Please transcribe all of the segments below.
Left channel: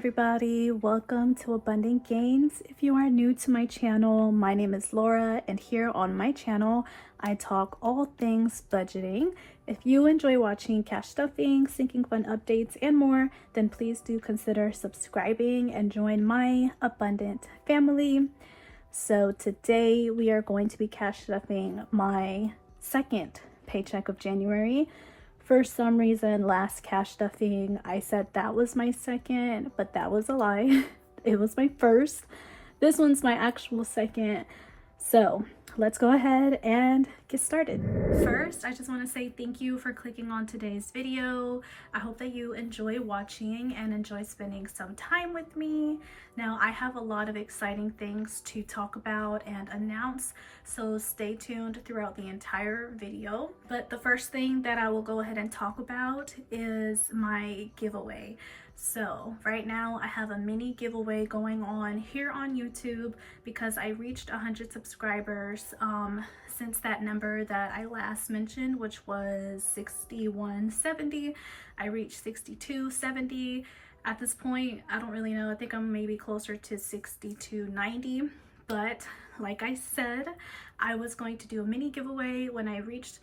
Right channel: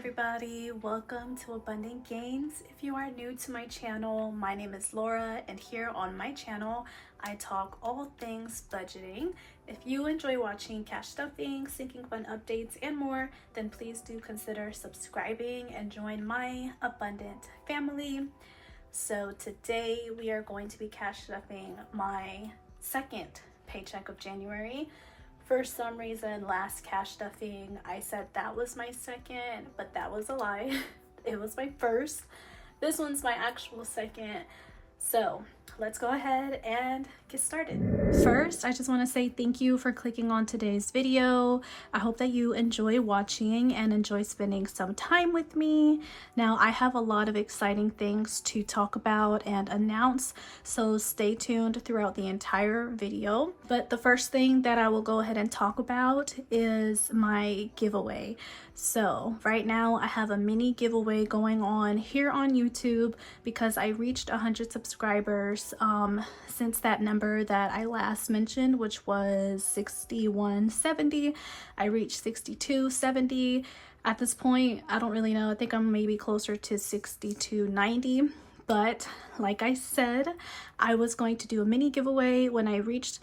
everybody, welcome to Abundant Gains. If you are new to my channel, my name is Laura, and here on my channel I talk all things budgeting. If you enjoy watching cash stuffing, sinking fund updates, and more, then please do consider subscribing and join my abundant family. So today we are going to be cash stuffing my second paycheck of January. For some reason, last cash stuffing, I said that was my second, but that was a lie. It was my first. This one's my actual second. So let's go ahead and get started. First, I just want to say thank you for clicking on today's video. I hope that you enjoy watching and enjoy spending some time with me. Now, I have a lot of exciting things to talk about and announce, so stay tuned throughout the entire video. But the first thing that I will go ahead and talk about is my giveaway. So right now I have a mini giveaway going on here on YouTube because I reached 100 subscribers since that number that I last mentioned, which was 6170. I reached 6270. At this point, I don't really know. I think I'm maybe closer to 6290. But like I said, I was going to do a mini giveaway when I reach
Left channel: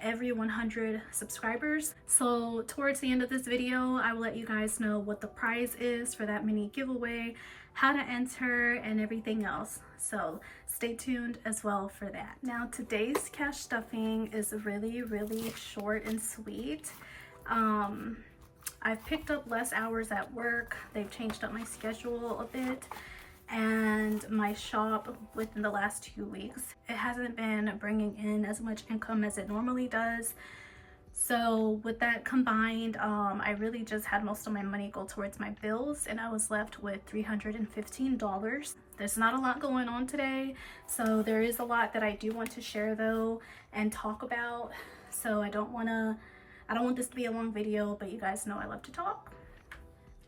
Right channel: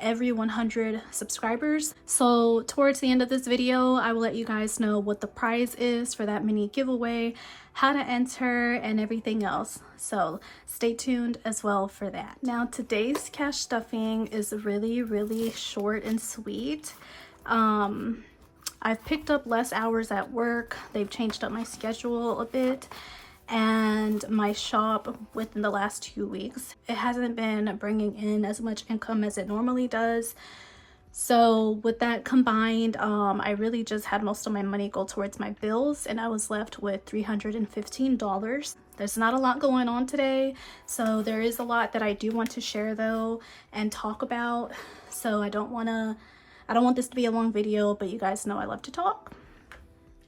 every 100 subscribers. So towards the end of this video, I will let you guys know what the prize is for that mini giveaway, how to enter, and everything else. So stay tuned as well for that. Now, today's cash stuffing is really short and sweet. I've picked up less hours at work. They've changed up my schedule a bit. And my shop within the last 2 weeks, it hasn't been bringing in as much income as it normally does. So with that combined, I really just had most of my money go towards my bills, and I was left with $315. There's not a lot going on today, so there is a lot that I do want to share though and talk about. So I don't want this to be a long video, but you guys know I love to talk.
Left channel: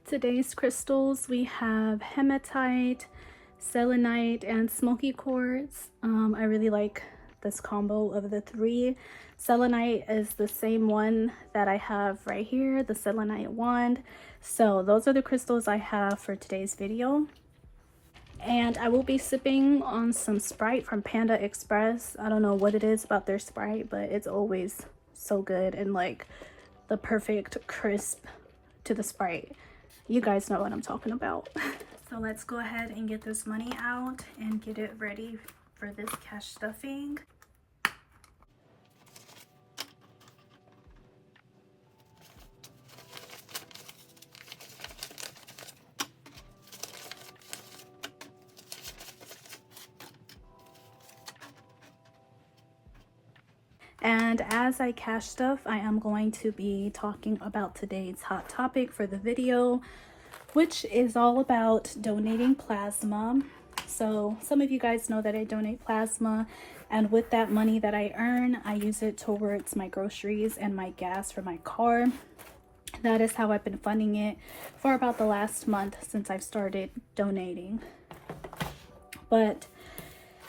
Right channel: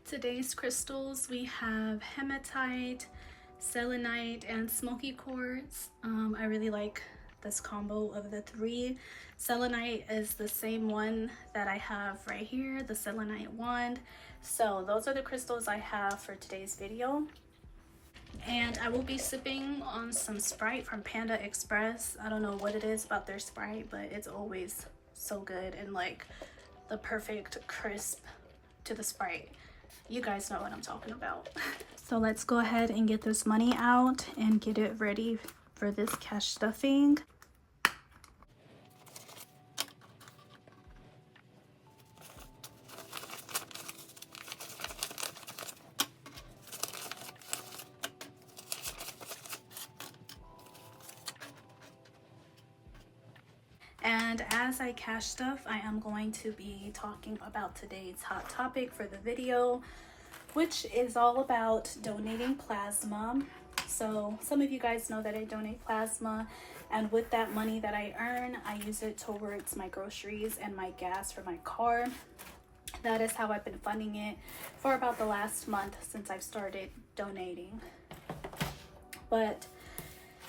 Today's crystals, we have hematite, selenite, and smoky quartz. I really like this combo of the three. Selenite is the same one that I have right here, the selenite wand. So those are the crystals I have for today's video. And I will be sipping on some Sprite from Panda Express. I don't know what it is about their Sprite, but it's always so good and like the perfect crisp to the Sprite. You guys know what I'm talking about. So let's go ahead and get this money out and get it ready for this cash stuffing. And as I cash stuff, I am going to be talking about today's hot topic for the video, which is all about donating plasma. So some of you guys know that I donate plasma, and with that money that I earn, I use it towards my groceries and my gas for my car. That is how I've been funding it for about the last month since I've started donating. But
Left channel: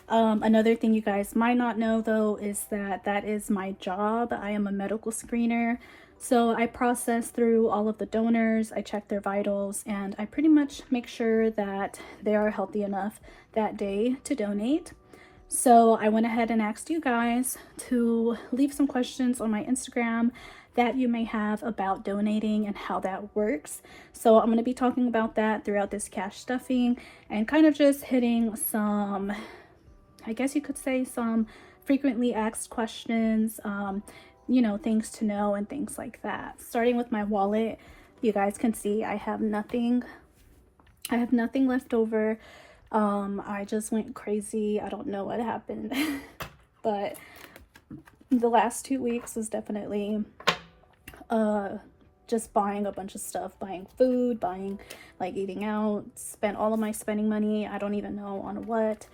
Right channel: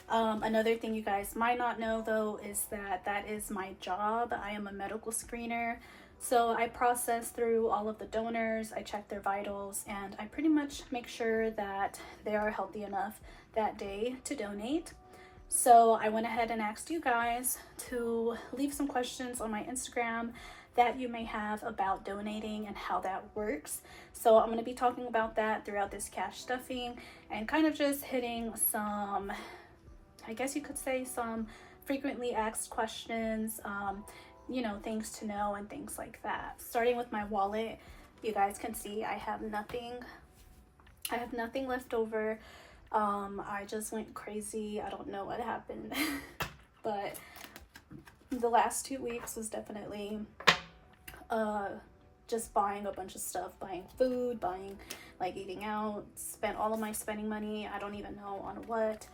another thing you guys might not know though is that is my job. I am a medical screener. So I process through all of the donors, I check their vitals, and I pretty much make sure that they are healthy enough that day to donate. So I went ahead and asked you guys to leave some questions on my Instagram that you may have about donating and how that works. So I'm going to be talking about that throughout this cash stuffing and kind of just hitting some, I guess you could say, some frequently asked questions, you know, things to know and things like that. Starting with my wallet, you guys can see I have nothing left over. I just went crazy. I don't know what happened. But the last 2 weeks was definitely just buying a bunch of stuff, buying food, buying, like, eating out, spent all of my spending money, I don't even know on what.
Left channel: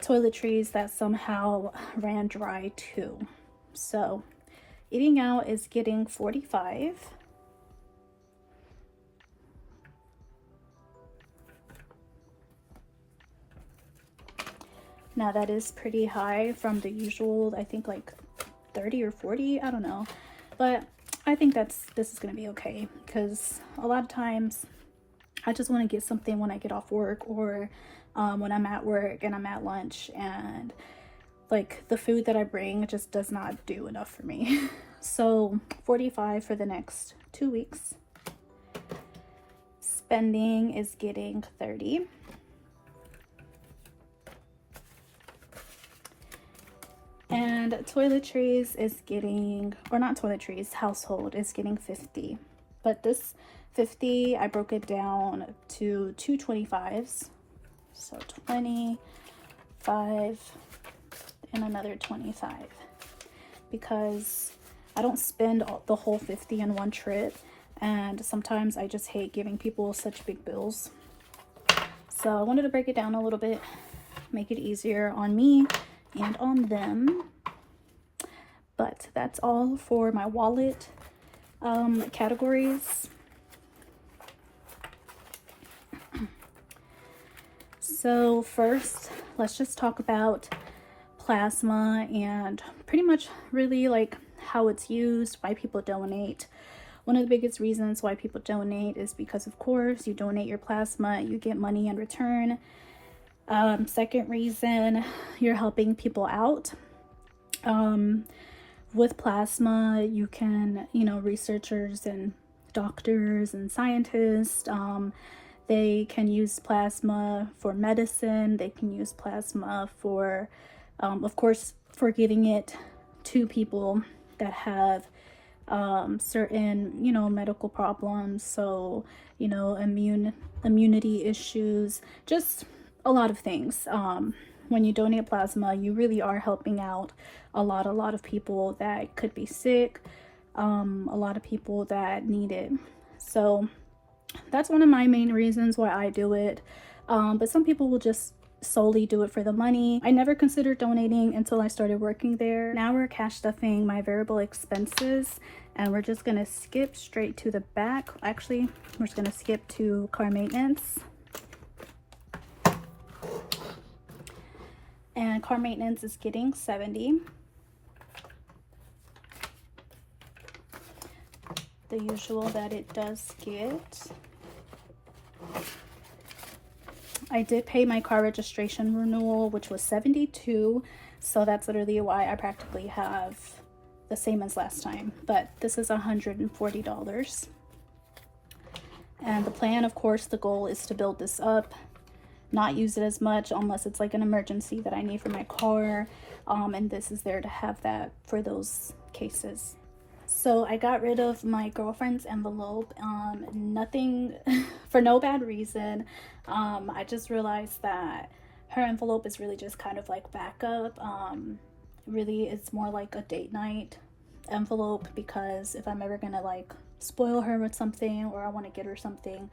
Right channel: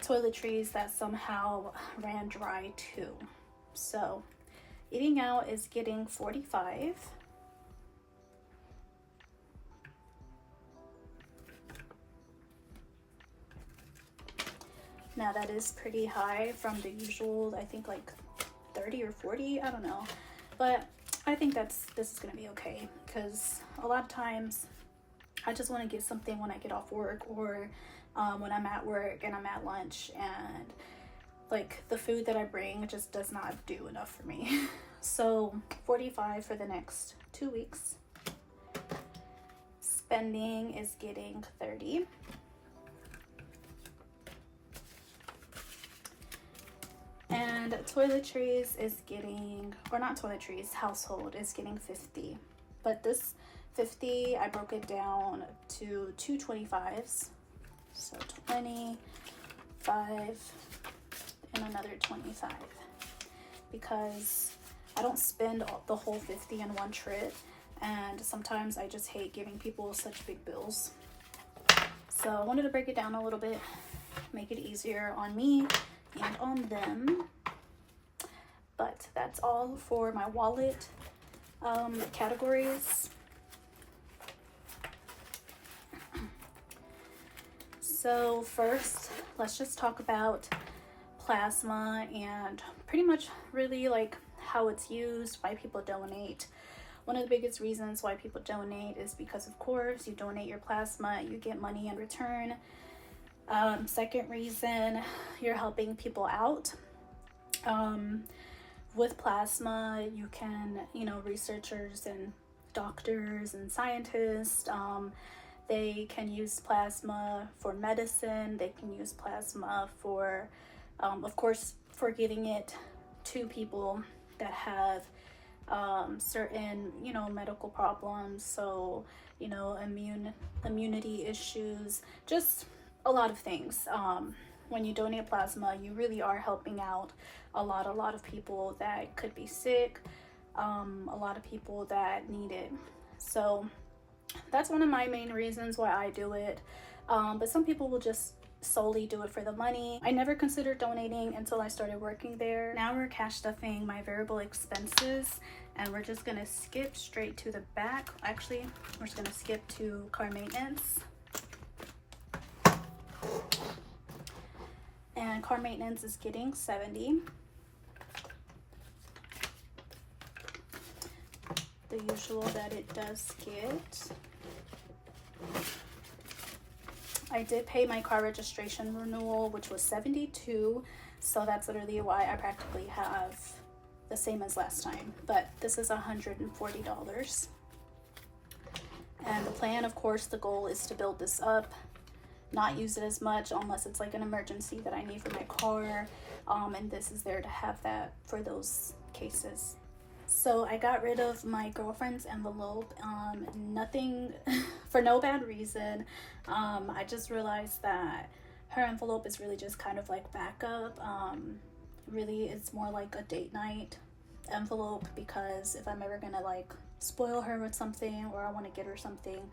Toiletries that somehow ran dry too. So eating out is getting 45. Now that is pretty high from the usual, I think like 30 or 40, I don't know. But I think this is gonna be okay, because a lot of times I just want to get something when I get off work, or when I'm at work and I'm at lunch, and like the food that I bring just does not do enough for me. So $45 for the next 2 weeks. Spending is getting $30. And toiletries is getting, or not toiletries, household is getting $50. But this $50, I broke it down to two 25s. So 25 and another 25, because I don't spend the whole 50 in one trip, and sometimes I just hate giving people such big bills. So I wanted to break it down a little bit, make it easier on me and on them. But that's all for my wallet categories. So first, let's just talk about plasma and pretty much really like how it's used, why people donate. One of the biggest reasons why people donate is because, of course, you donate your plasma, you get money in return. Second reason, you're helping people out. With plasma, you can, you know, researchers and doctors and scientists, they can use plasma for medicine. They can use plasma for, of course, for giving it to people that have certain, you know, medical problems. So, you know, immunity issues, just a lot of things. When you donate plasma, you really are helping out a lot of people that could be sick, a lot of people that need it. So that's one of my main reasons why I do it. But some people will just solely do it for the money. I never considered donating until I started working there. Now we're cash stuffing my variable expenses, and we're just gonna skip straight to the back. Actually, we're just gonna skip to car maintenance. And car maintenance is getting $70. The usual that it does get. I did pay my car registration renewal, which was $72, so that's literally why I practically have the same as last time, but this is $140. And the plan, of course, the goal is to build this up, not use it as much unless it's like an emergency that I need for my car, and this is there to have that for those cases. So I got rid of my girlfriend's envelope, nothing for no bad reason. I just realized that her envelope is really just kind of like backup. Really, it's more like a date night envelope, because if I'm ever gonna like spoil her with something, or I want to get her something,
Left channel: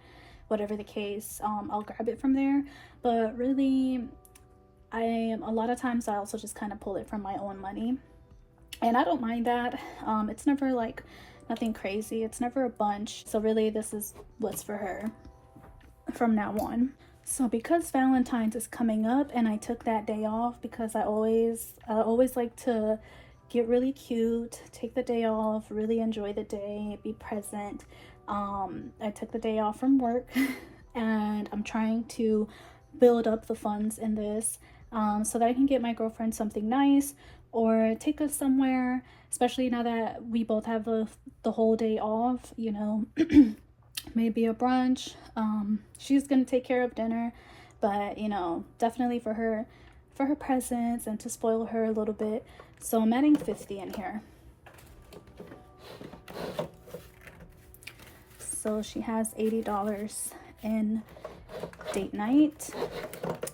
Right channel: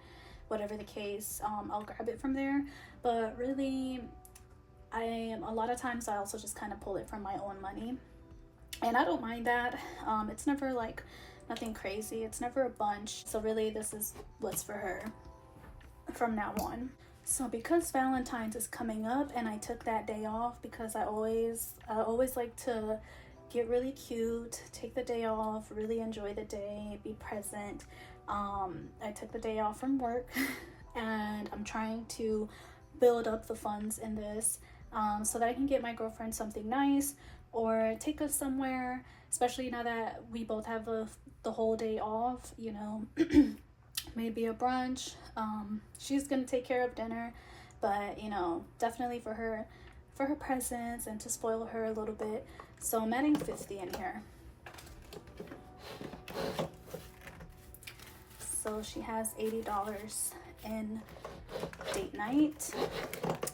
whatever the case, I'll grab it from there. But really, a lot of times I also just kind of pull it from my own money. And I don't mind that. It's never like nothing crazy. It's never a bunch. So really, this is what's for her from now on. So because Valentine's is coming up, and I took that day off because I always like to get really cute, take the day off, really enjoy the day, be present. I took the day off from work, and I'm trying to build up the funds in this, so that I can get my girlfriend something nice, or take us somewhere, especially now that we both have the whole day off, you know. Maybe a brunch. She's gonna take care of dinner, but you know, definitely for her presents and to spoil her a little bit. So I'm adding $50 in here. So she has $80 in date night.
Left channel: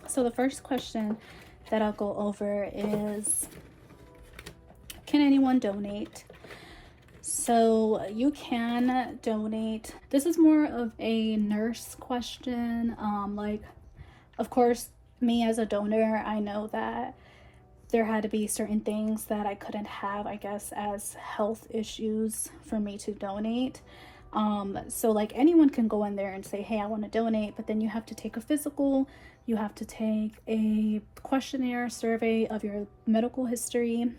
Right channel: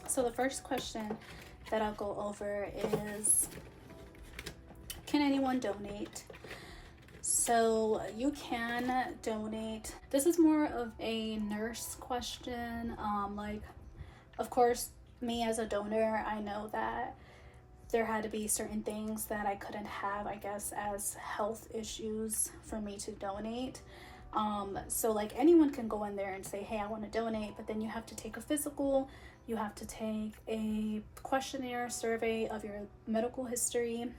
So the first question that I'll go over is, can anyone donate? So you can donate. This is more of a nurse question. Like, of course, me as a donor, I know that there had to be certain things that I couldn't have, I guess, as health issues for me to donate. So like anyone can go in there and say, hey, I want to donate, but then you have to take a physical, you have to take a questionnaire survey of your medical history,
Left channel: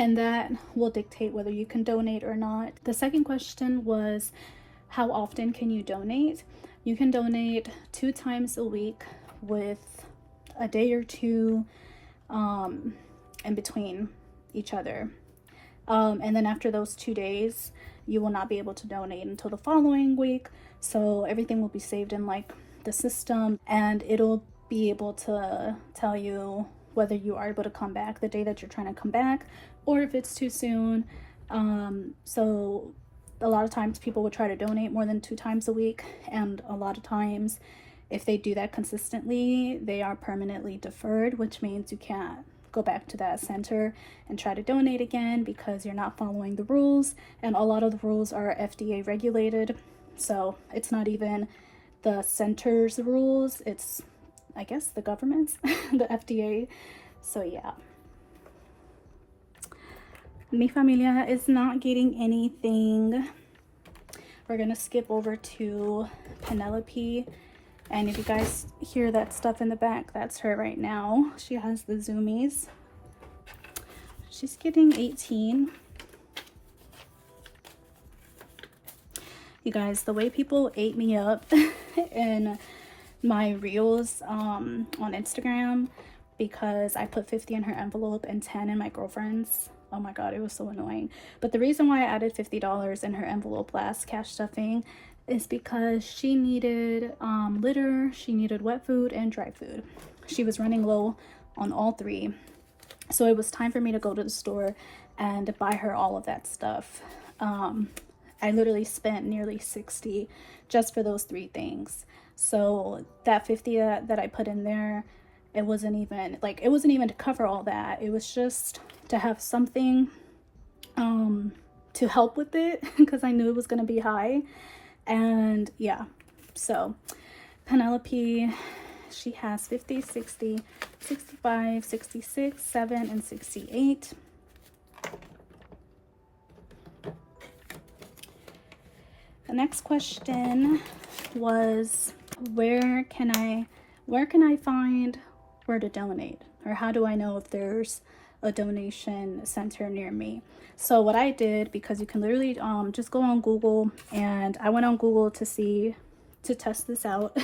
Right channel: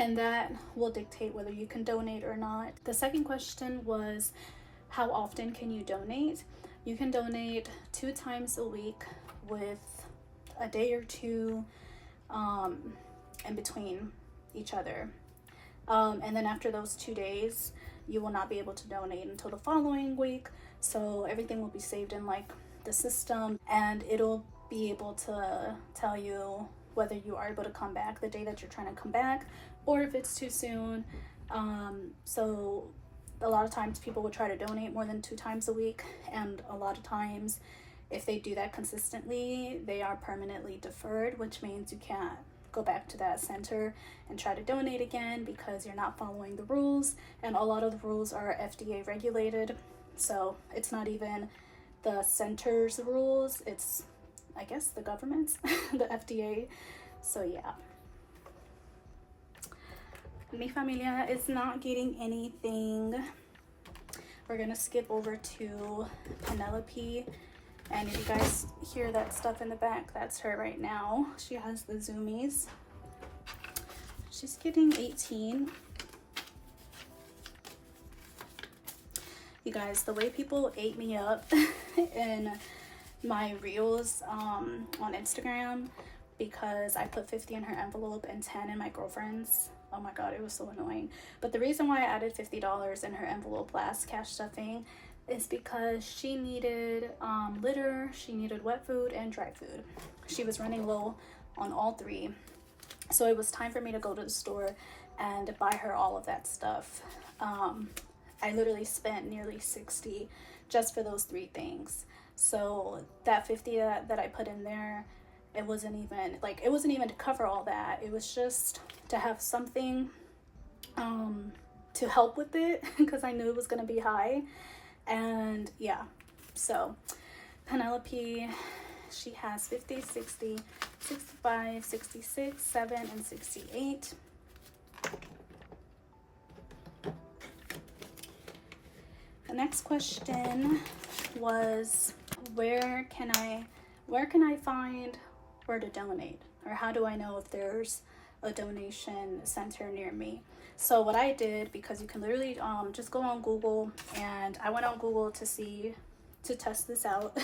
and that will dictate whether you can donate or not. The second question was, how often can you donate? You can donate 2 times a week with a day or two in between each other. And then after those 2 days, you will not be able to donate until the following week. So everything will be saved in like the system, and it'll be able to tell you whether you are able to come back the day that you're trying to come back, or if it's too soon. So a lot of times people will try to donate more than 2 times a week, and a lot of times if they do that consistently, they are permanently deferred, which means you can't go back to that center and try to donate again because you're not following the rules. And a lot of the rules are FDA regulated, so it's not even the center's rules, it's, I guess, the government's, the FDA. So yeah, mi familia is not getting anything. We're gonna skip over to Penelope, and if you guys hear that stuff in the back, that's her right now. She has the zoomies. She's getting 18. You guys, the way people ate me up in my reels on Instagram, because I put 50 in her envelope and 10 in my girlfriend's. Oh my god, it was so annoying. But the reason why I added $50 in her envelope last cash stuffing is because she needed litter, she needed wet food and dry food. She was running low on all 3. So it was time for me to go to the store and buy her all of that stuff. I literally spent nearly 60 just for those 3 things. So that 50 that I put in there, it wasn't even to cover all that. It was just to have something to help with it, because I knew it was going to be high. And yeah, so Penelope, she has 50, 60, 65, 66, 7, and 68. The next question was, where can I find where to donate, or how do I know if there's a donation center near me? So what I did, because you can literally just go on Google, and I went on Google to test this out,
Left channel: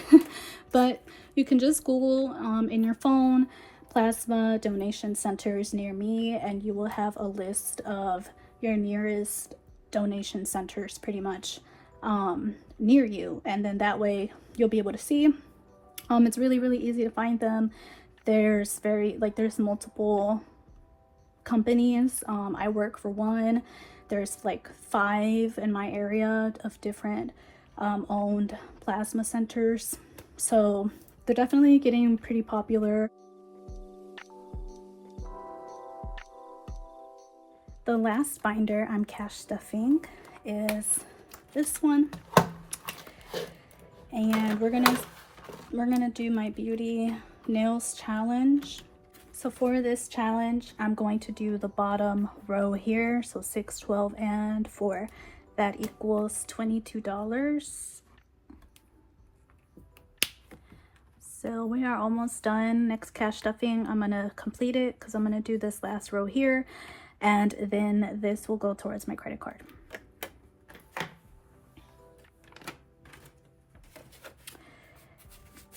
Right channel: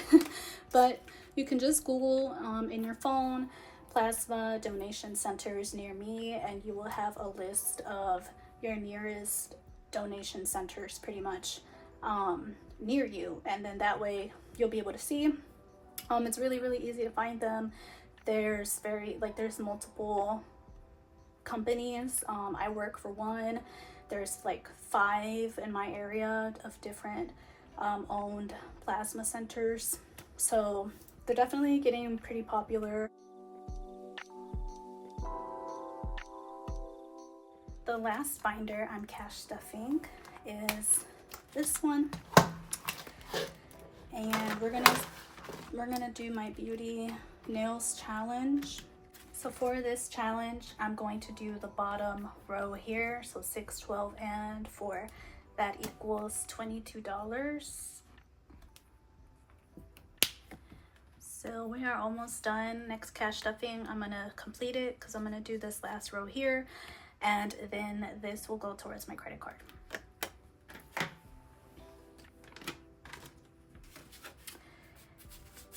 but you can just Google in your phone plasma donation centers near me, and you will have a list of your nearest donation centers pretty much near you, and then that way you'll be able to see. It's really easy to find them. There's multiple companies. I work for one. There's like 5 in my area of different owned plasma centers, so they're definitely getting pretty popular. The last binder I'm cash stuffing is this one, and we're gonna do my beauty nails challenge. So for this challenge, I'm going to do the bottom row here, so 6, 12, and 4. That equals $22. So we are almost done. Next cash stuffing, I'm gonna complete it because I'm gonna do this last row here, and then this will go towards my credit card.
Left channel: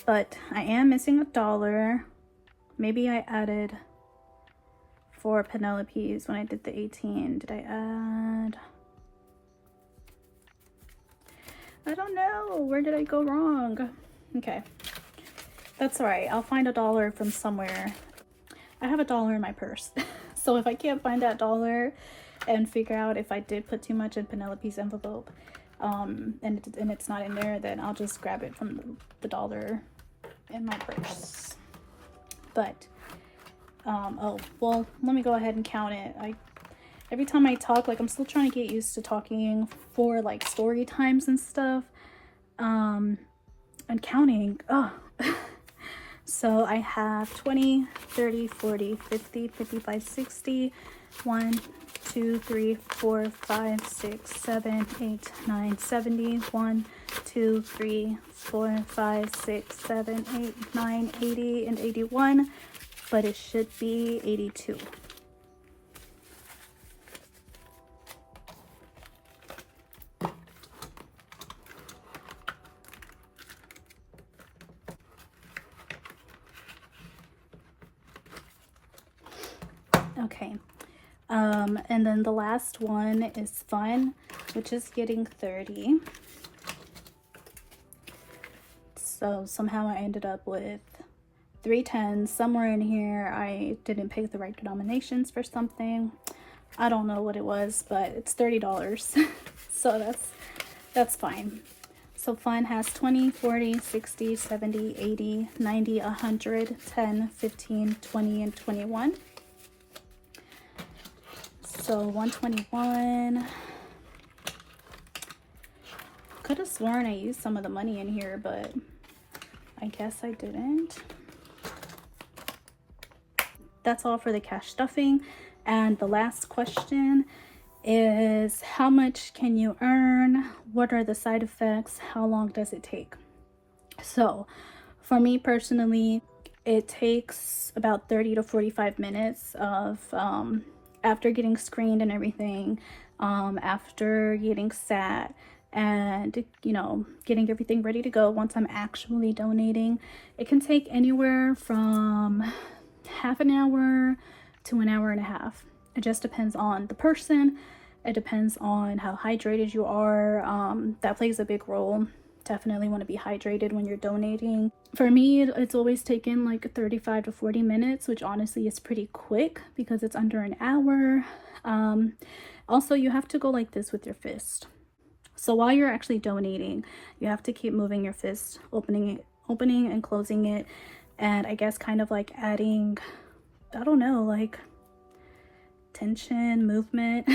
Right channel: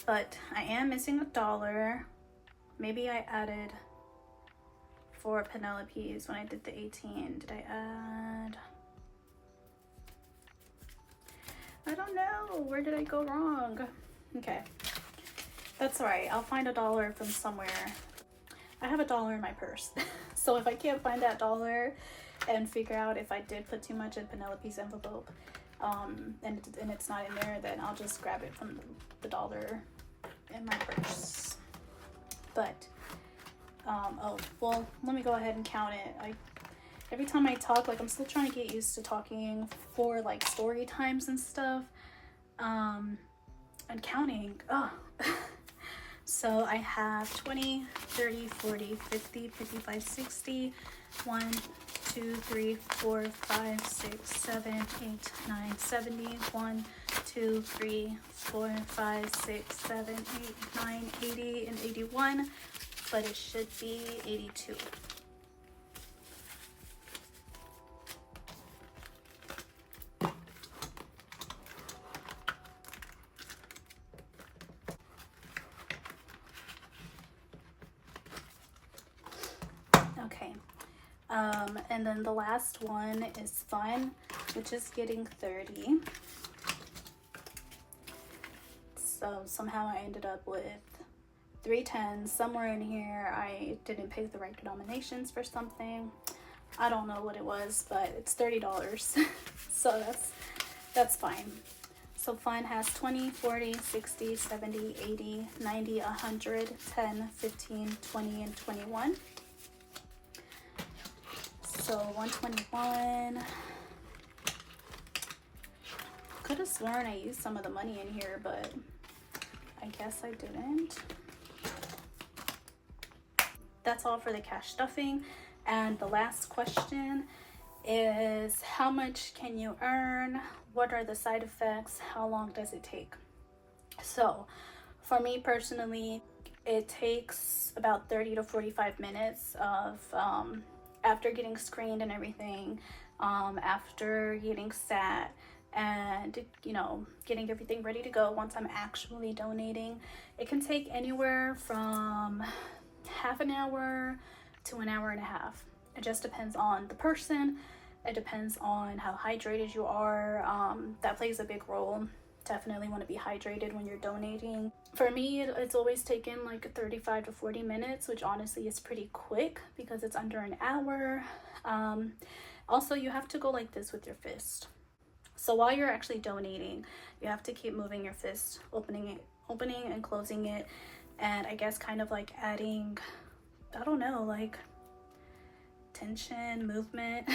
But I am missing $1. Maybe I added 4 Penelope's when I did the 18. Did I add? I don't know. Where did I go wrong? Okay. That's all right. I'll find $1 from somewhere. I have $1 in my purse. So if I can't find that $1 and figure out if I did put too much in Penelope's envelope, and it's not in there, then I'll just grab it from the $1 in my purse. But oh well, let me go ahead and count it. Every time I talk, like, I'm still trying to get used to talking for like story times and stuff, and counting. Oh. So I have 20, 30, 40, 50, 55, 60, 1, 2, 3, 4, 5, 6, 7, 8, 9, 70, 1, 2, 3, 4, 5, 6, 7, 8, 9, 80, and 81, but it should be 82. Okay. And then the last one is fun, which is getting 30. So somehow I ended up with 310s. Somewhere in here I didn't pick the right denominations for something. I don't know what it was, but it's $30. So that's fine. So fun has 20, 40, 60, 70, 80, 90, 100, 10, 15, 20, and 21. So 121. Could have sworn I used some of the money in here, but I guess I didn't. That's all for the cash stuffing. And the last question is, how much can you earn? What are the side effects? How long does it take? So for me personally, it takes about 30 to 45 minutes of after getting screened and everything, after getting sat, and you know, getting everything ready to go. Once I'm actually donating, it can take anywhere from half an hour to an hour and a half. It just depends on the person. It depends on how hydrated you are. That plays a big role. Definitely want to be hydrated when you're donating. For me, it's always taken like 35 to 40 minutes, which honestly is pretty quick because it's under an hour. Also, you have to go like this with your fist. So while you're actually donating, you have to keep moving your fist, opening and closing it, and I guess kind of like adding, I don't know, like tension, movement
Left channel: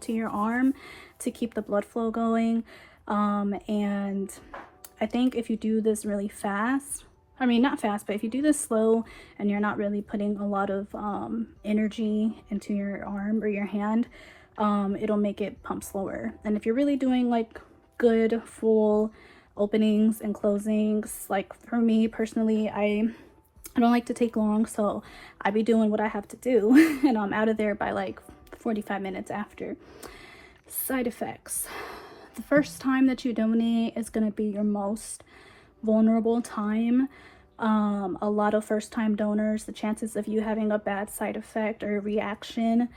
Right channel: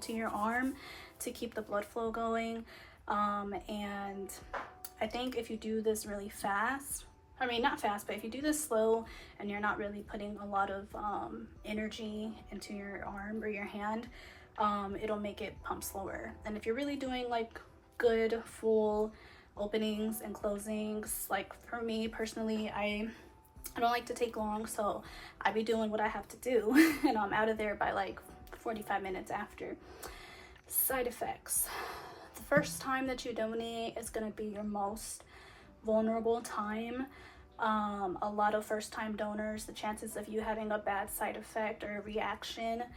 to your arm to keep the blood flow going. And I think if you do this really fast, I mean not fast, but if you do this slow and you're not really putting a lot of energy into your arm or your hand, it'll make it pump slower. And if you're really doing like good full openings and closings, like for me personally, I don't like to take long, so I be doing what I have to do and I'm out of there by like 45 minutes after. Side effects. The first time that you donate is going to be your most vulnerable time. A lot of first-time donors, the chances of you having a bad side effect or reaction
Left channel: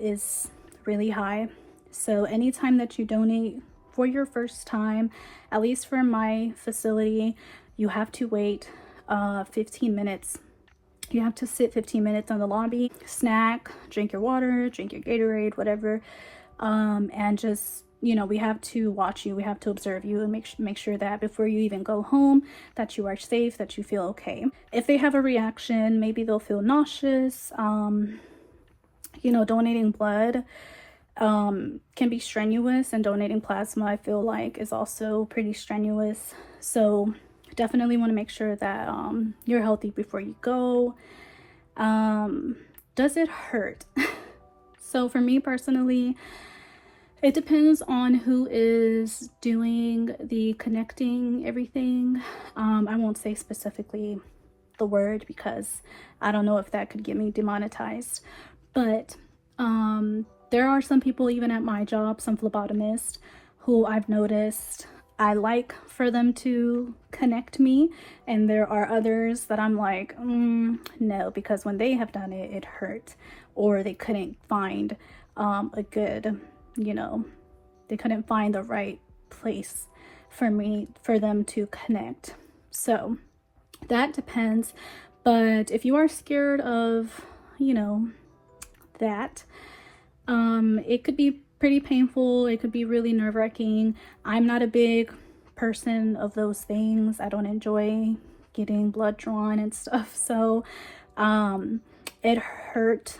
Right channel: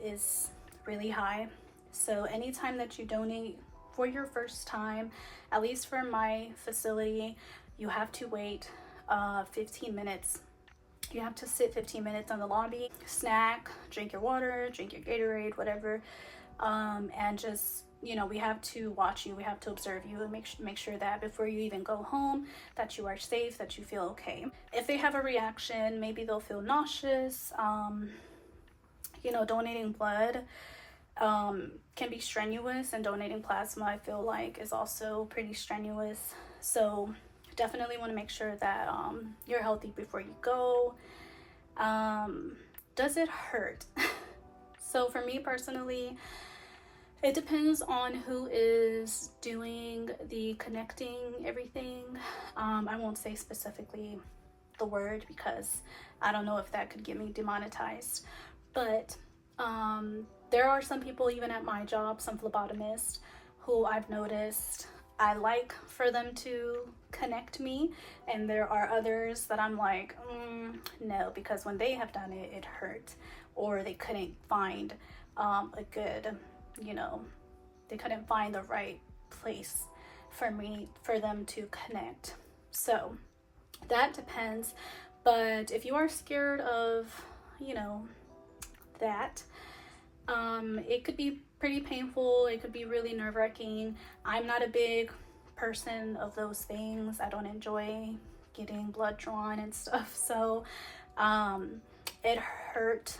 is really high. So anytime that you donate for your first time, at least for my facility, you have to wait 15 minutes. You have to sit 15 minutes on the lobby, snack, drink your water, drink your Gatorade, whatever, and just, you know, we have to watch you, we have to observe you and make sure that before you even go home that you are safe, that you feel okay. If they have a reaction, maybe they'll feel nauseous. You know, donating blood can be strenuous, and donating plasma, I feel like, is also pretty strenuous. So definitely want to make sure that you're healthy before you go. Does it hurt? So for me personally, it depends on who is doing the connecting everything. I won't say specifically the word because I don't know if that could get me demonetized, but there are some people, even at my job, some phlebotomists, who I've noticed I like for them to connect me, and there are others that I'm like, no, because when they have done it, it hurt, or they couldn't find a good, you know, they couldn't find the right place for them to connect. So that depends. But if you are scared of, you know, that, it could be pretty painful. It could be really nerve-wracking. I'm not a big person of those things. I don't enjoy getting blood drawn and stuff. So it hurt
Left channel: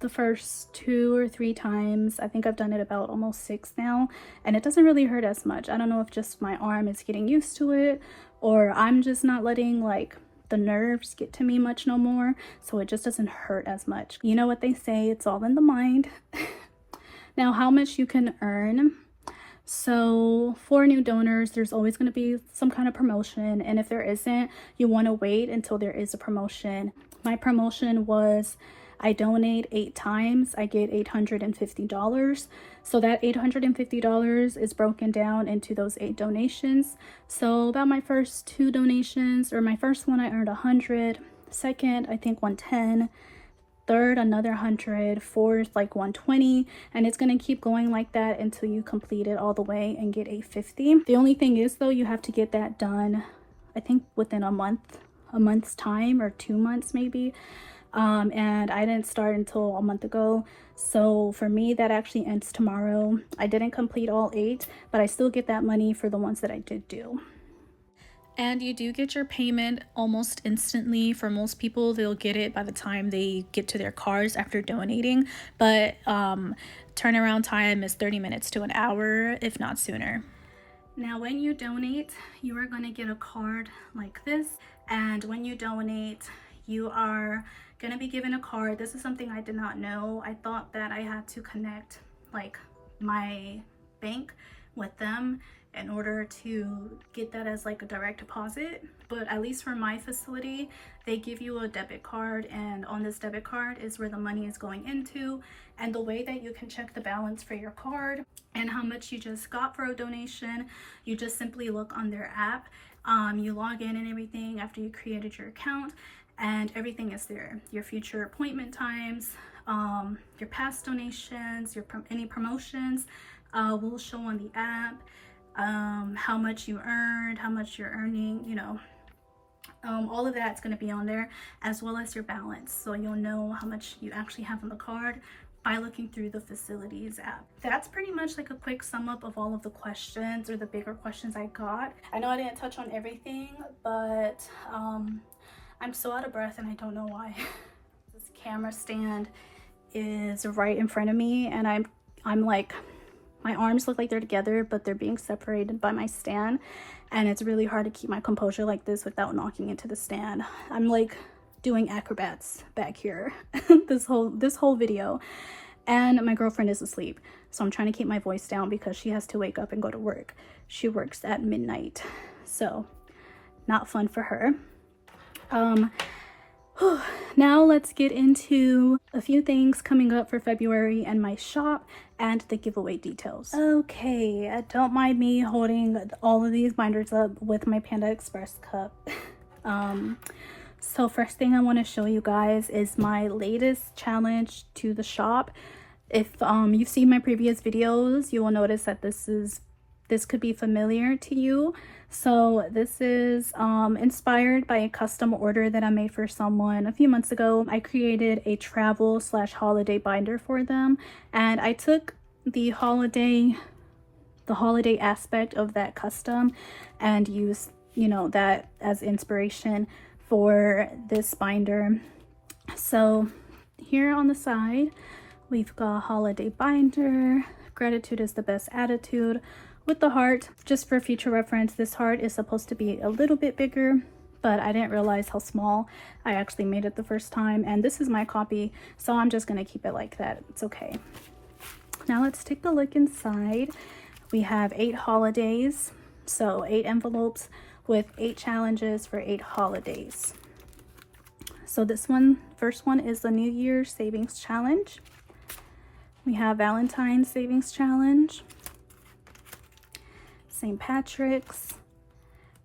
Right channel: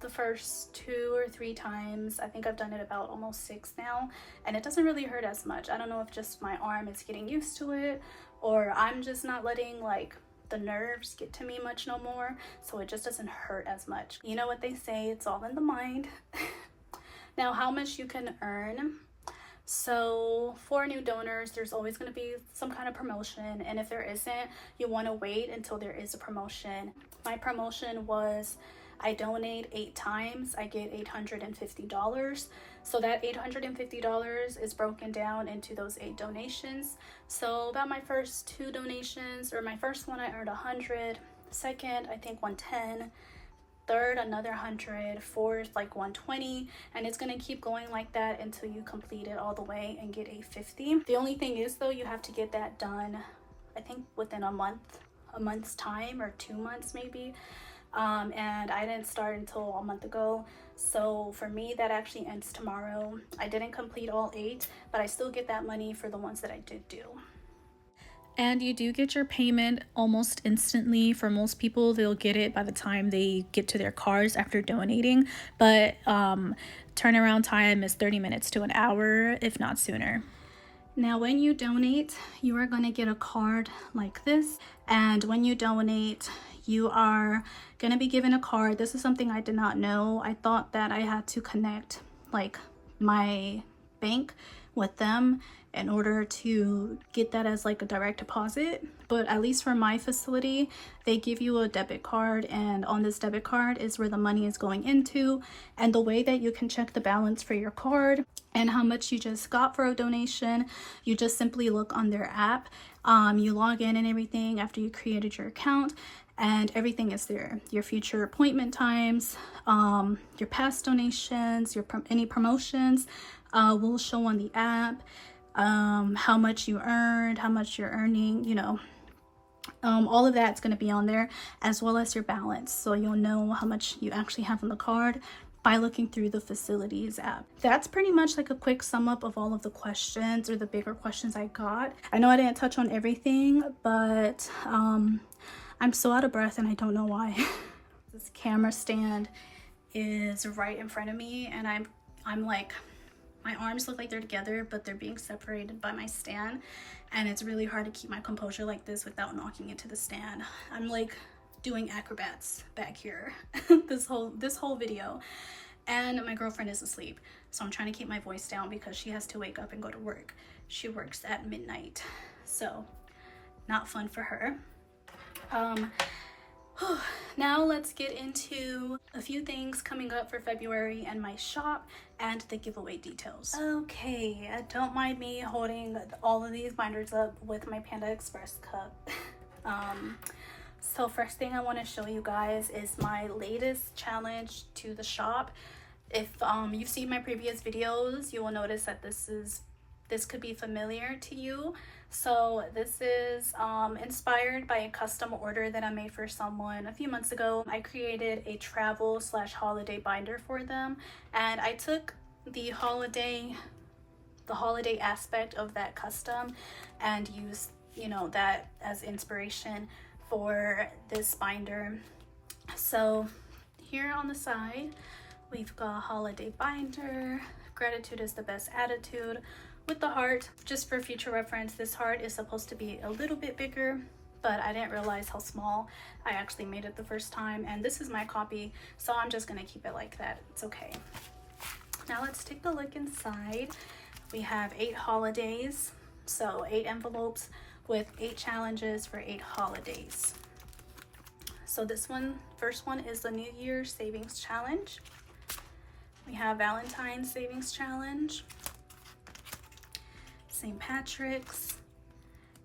the first 2 or 3 times. I think I've done it about almost 6 now, and it doesn't really hurt as much. I don't know if just my arm is getting used to it, or I'm just not letting like the nerves get to me much no more, so it just doesn't hurt as much. You know what they say, it's all in the mind. Now, how much you can earn. So for new donors, there's always going to be some kind of promotion, and if there isn't, you want to wait until there is a promotion. My promotion was, I donate 8 times, I get $850. So that $850 is broken down into those 8 donations. So about my first 2 donations, or my first one, I earned 100. Second, I think 110. third another 100, fourth like 120, and it's going to keep going like that until you complete it all the way and get 850. The only thing is though, you have to get that done I think within a month's time, or 2 months maybe. And I didn't start until a month ago, so for me that actually ends tomorrow. I didn't complete all 8, but I still get that money for the ones that I did do. And you do get your payment almost instantly. For most people, they'll get it by the time they get to their cars after donating, but turnaround time is 30 minutes to an hour, if not sooner. Now when you donate, you are going to get a card like this, and when you donate, you are going to be given a card. This is something I did not know. I thought that I had to connect like my bank with them in order to get that as like a direct deposit, but at least for my facility, they give you a debit card, and on this debit card is where the money is going into. And the way that you can check the balance for your card and how much you just got for a donation, you just simply look on their app. You log in and everything after you created your account, and everything is there. Your future appointment times, your past donations, any promotions will show on the app. How much you earned, how much you're earning, you know, all of that's going to be on there, as well as your balance, so you'll know how much you actually have on the card by looking through the facilities app. That's pretty much like a quick sum up of all of the questions, or the bigger questions I got. I know I didn't touch on everything, but I'm so out of breath and I don't know why. This camera stand is right in front of me, and I'm like, my arms look like they're together, but they're being separated by my stand, and it's really hard to keep my composure like this without knocking into the stand. I'm like doing acrobats back here this whole video, and my girlfriend is asleep, so I'm trying to keep my voice down because she has to wake up and go to work. She works at midnight, so not fun for her. Now let's get into a few things coming up for February and my shop and the giveaway details. Okay, don't mind me holding all of these binders up with my Panda Express cup. So first thing I want to show you guys is my latest challenge to the shop. If you've seen my previous videos, you will notice that this could be familiar to you. So this is inspired by a custom order that I made for someone a few months ago. I created a travel/holiday binder for them, and I took the holiday aspect of that custom and used, you know, that as inspiration for this binder. So here on the side, we've got holiday binder, gratitude is the best attitude, with the heart. Just for future reference, this heart is supposed to be a little bit bigger, but I didn't realize how small I actually made it the first time, and this is my copy, so I'm just gonna keep it like that. It's okay. Now let's take a look inside. We have 8 holidays, so 8 envelopes with 8 challenges for 8 holidays. So this first one is the New Year's Savings Challenge. We have Valentine's Savings Challenge, St. Patrick's,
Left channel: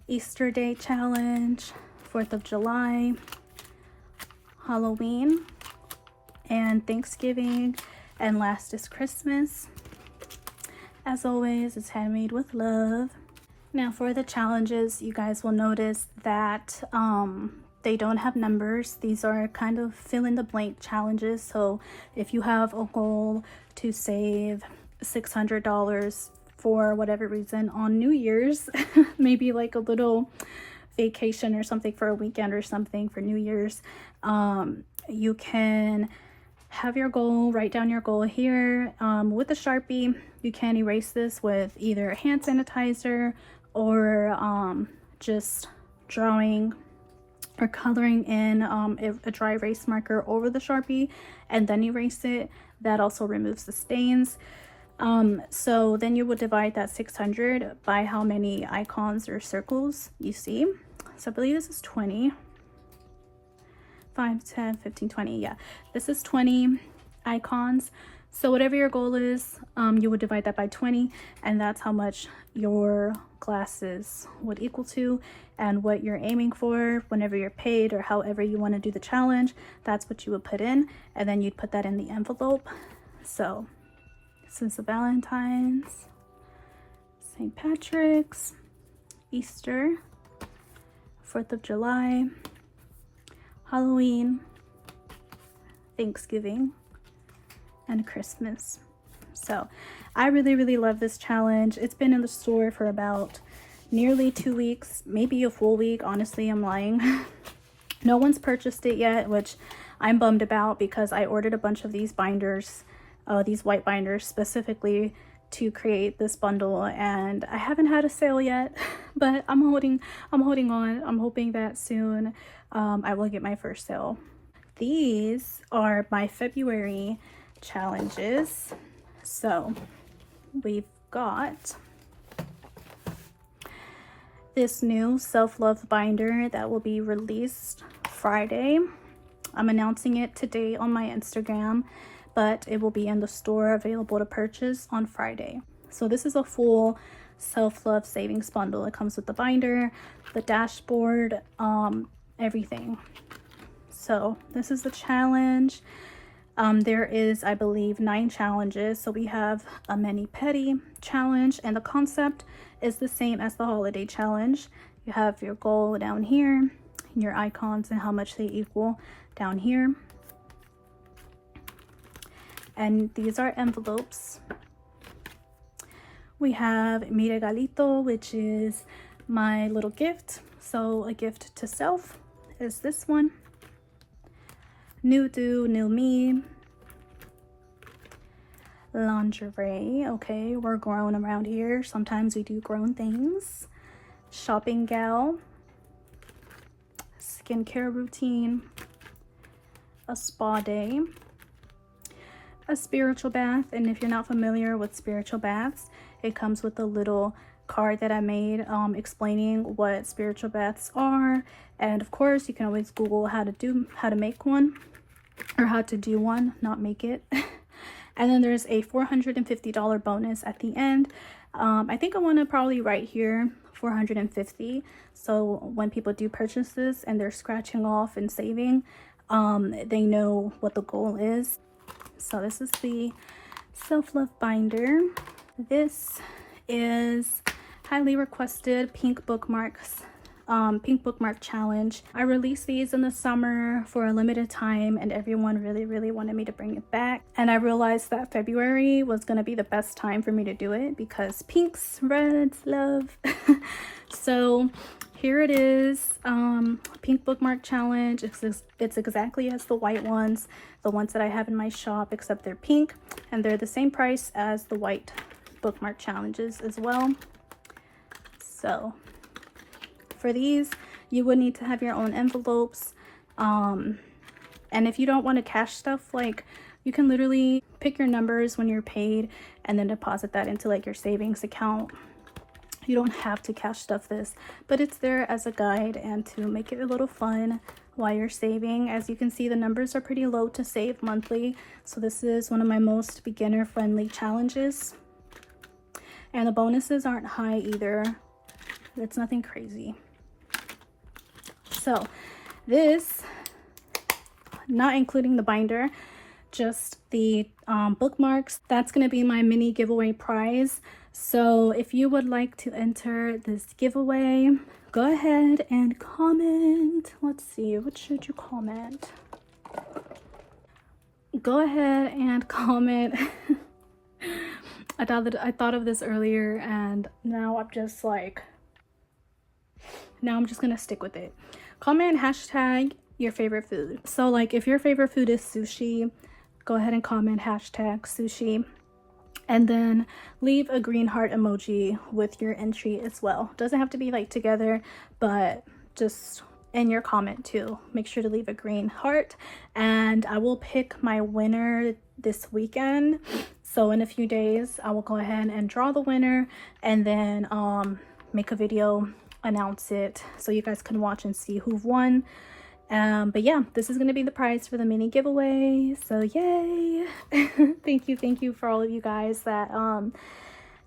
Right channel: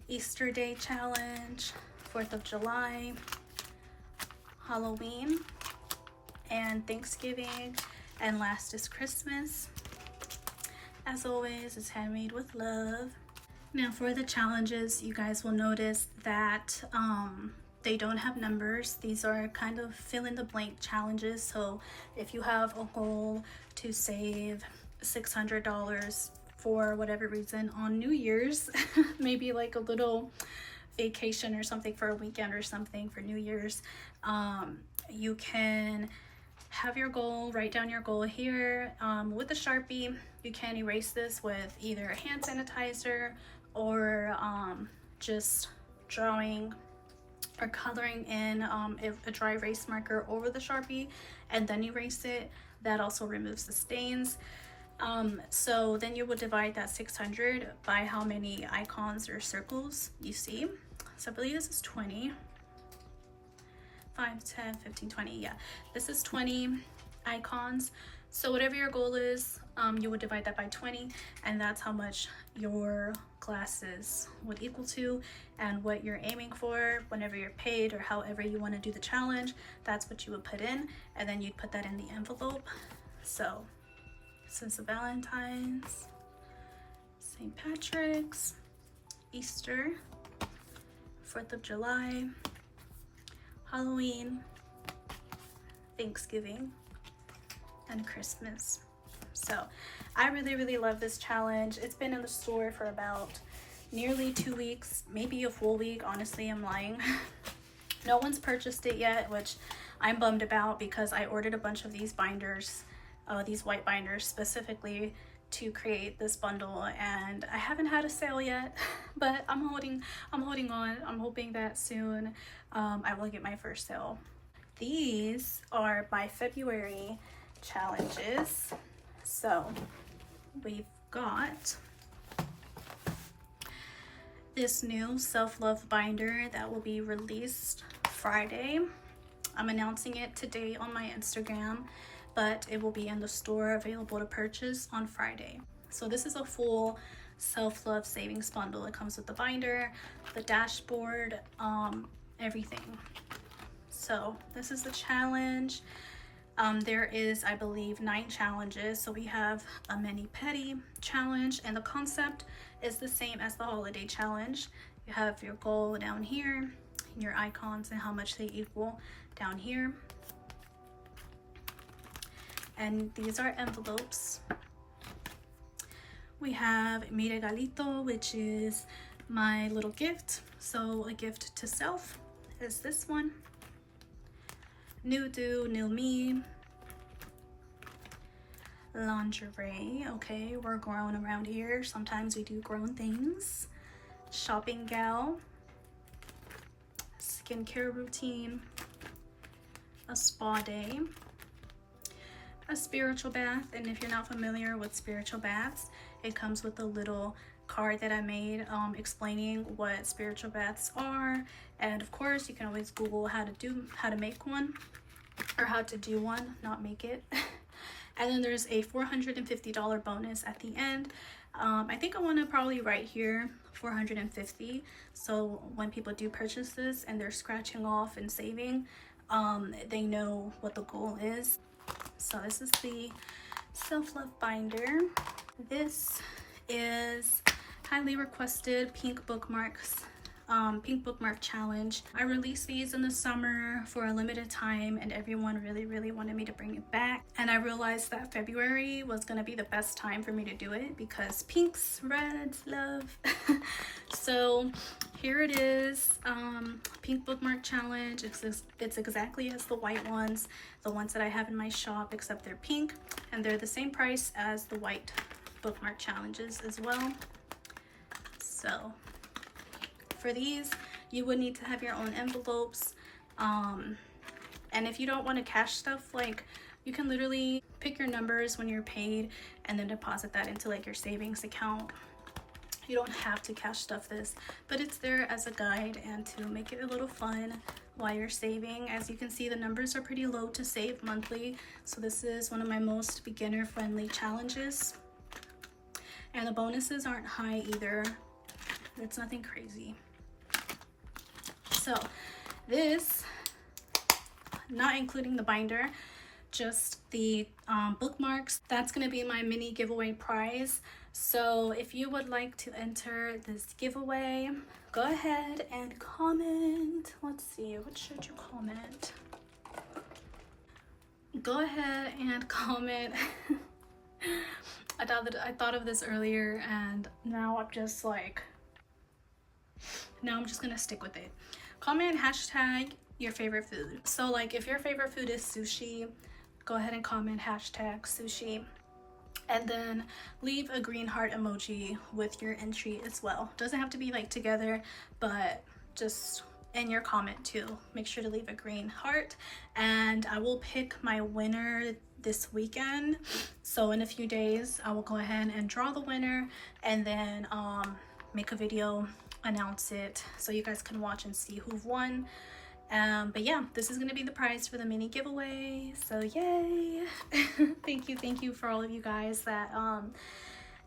Easter Day Challenge, 4th of July, Halloween, and Thanksgiving, and last is Christmas. As always, it's handmade with love. Now for the challenges, you guys will notice that they don't have numbers. These are kind of fill in the blank challenges. So if you have a goal to save $600 for whatever reason on New Year's, maybe like a little vacation or something for a weekend or something for New Year's, you can have your goal, write down your goal here with a Sharpie. You can erase this with either hand sanitizer or just drawing or coloring in a dry erase marker over the Sharpie and then erase it. That also removes the stains. So then you would divide that 600 by how many icons or circles you see. So I believe this is 20. 5, 10, 15, 20. Yeah, this is 20 icons. So whatever your goal is, you would divide that by 20, and that's how much your glasses would equal to and what you're aiming for whenever you're paid, or however you want to do the challenge. That's what you would put in, and then you'd put that in the envelope. So since the Valentine's, St. Patrick's, Easter, 4th of July, Halloween, Thanksgiving, and Christmas. So I really love this challenge. It's been in the store for about nearly 2 weeks, maybe a full week. Honestly, I'm lying. No one's purchased it yet, which I'm bummed about, because I ordered a bunch of these binders, these white binders specifically to create this bundle, and I haven't had a sale yet. But I'm holding on. I'm hoping that soon I will get my first sale. These are my February challenges. So we've got this new self-love binder that will be released Friday. I'm announcing it today on my Instagram, but it will be in the store available to purchase on Friday. So this is a full self-love savings bundle. It comes with the binder, the dashboard, everything. So this is the challenge. There is, I believe, 9 challenges. So we have a mani pedi challenge, and the concept is the same as the holiday challenge. You have your goal down here, and your icons and how much they equal down here. And these are envelopes. We have mi regalito, which is my little gift. So a gift to self is this one. New do, new me. Lingerie. Okay, we're grown around here. Sometimes we do grown things. Shopping gal. Skincare routine. A spa day. A spiritual bath. And if you're not familiar with spiritual baths, it comes with a little card that I made explaining what spiritual baths are. And of course, you can always Google how to make one, or how to do one, not make it. And then there's a $450 bonus at the end. I think I want to probably write here $450, so when people do purchase this and they're scratching off and saving, they know what the goal is. So this is the self-love binder. This is highly requested pink bookmarks, pink bookmark challenge. I released these in the summer for a limited time, and everyone really wanted me to bring it back. And I realized that February was gonna be the best time for me to do it, because pinks, reds, love. So here it is, pink bookmark challenge. It's exactly as the white ones, the ones that I have in my shop, except they're pink, and they're the same price as the white bookmark challenges as well. So for these, you would need to have your own envelopes, and if you don't want to cash stuff, like, you can literally pick your numbers when you're paid and then deposit that into like your savings account. You don't have to cash stuff this, but it's there as a guide and to make it a little fun while you're saving. As you can see, the numbers are pretty low to save monthly, so this is one of my most beginner friendly challenges, and the bonuses aren't high either. It's nothing crazy. So this, not including the binder, just the bookmarks, that's going to be my mini giveaway prize. So if you would like to enter this giveaway, go ahead and comment. Let's see, what should you comment? Go ahead and comment. I thought of this earlier, and now I'm just gonna stick with it. Comment hashtag your favorite food. So like, if your favorite food is sushi, go ahead and comment hashtag sushi, and then leave a green heart emoji with your entry as well. Doesn't have to be like together, but just in your comment too, make sure to leave a green heart, and I will pick my winner this weekend. So in a few days I will go ahead and draw the winner, and then make a video, announce it, so you guys can watch and see who won. But yeah, this is gonna be the prize for the mini giveaway, so yay. Thank you for all of you guys that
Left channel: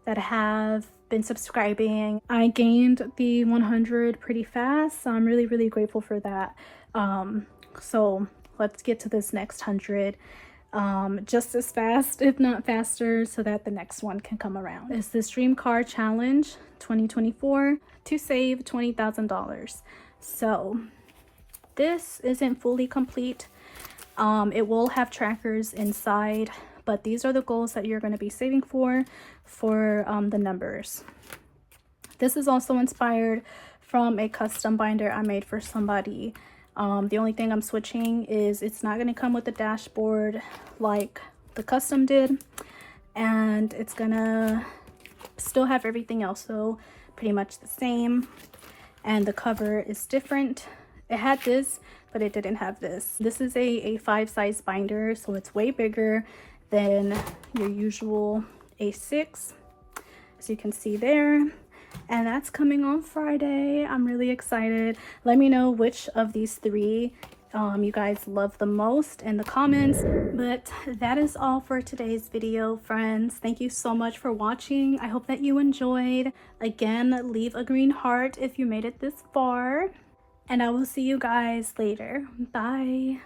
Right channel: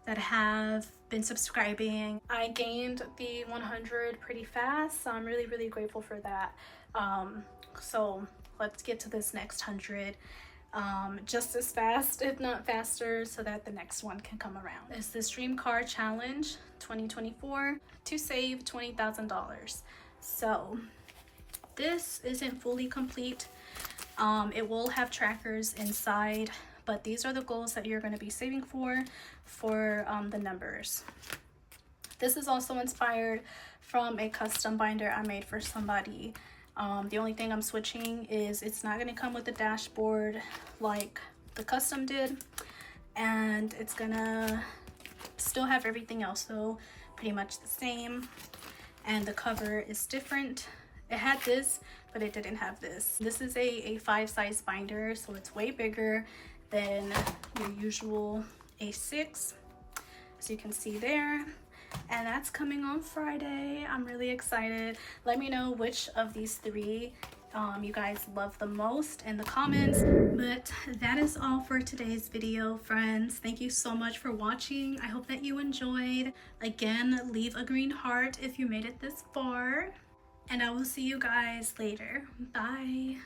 have been subscribing. I gained the 100 pretty fast, so I'm really grateful for that. So let's get to this next 100 just as fast, if not faster, so that the next one can come around. It's the Dream Car Challenge 2024 to save $20,000. So this isn't fully complete. It will have trackers inside, but these are the goals that you're going to be saving for the numbers. This is also inspired from a custom binder I made for somebody. The only thing I'm switching is it's not going to come with a dashboard like the custom did, and it's gonna still have everything else though, pretty much the same, and the cover is different. It had this, but it didn't have this. This is a 5 size binder, so it's way bigger than your usual A6, as you can see there. And that's coming on Friday. I'm really excited. Let me know which of these 3 you guys love the most in the comments. But that is all for today's video, friends. Thank you so much for watching. I hope that you enjoyed. Again, leave a green heart if you made it this far, and I will see you guys later. Bye.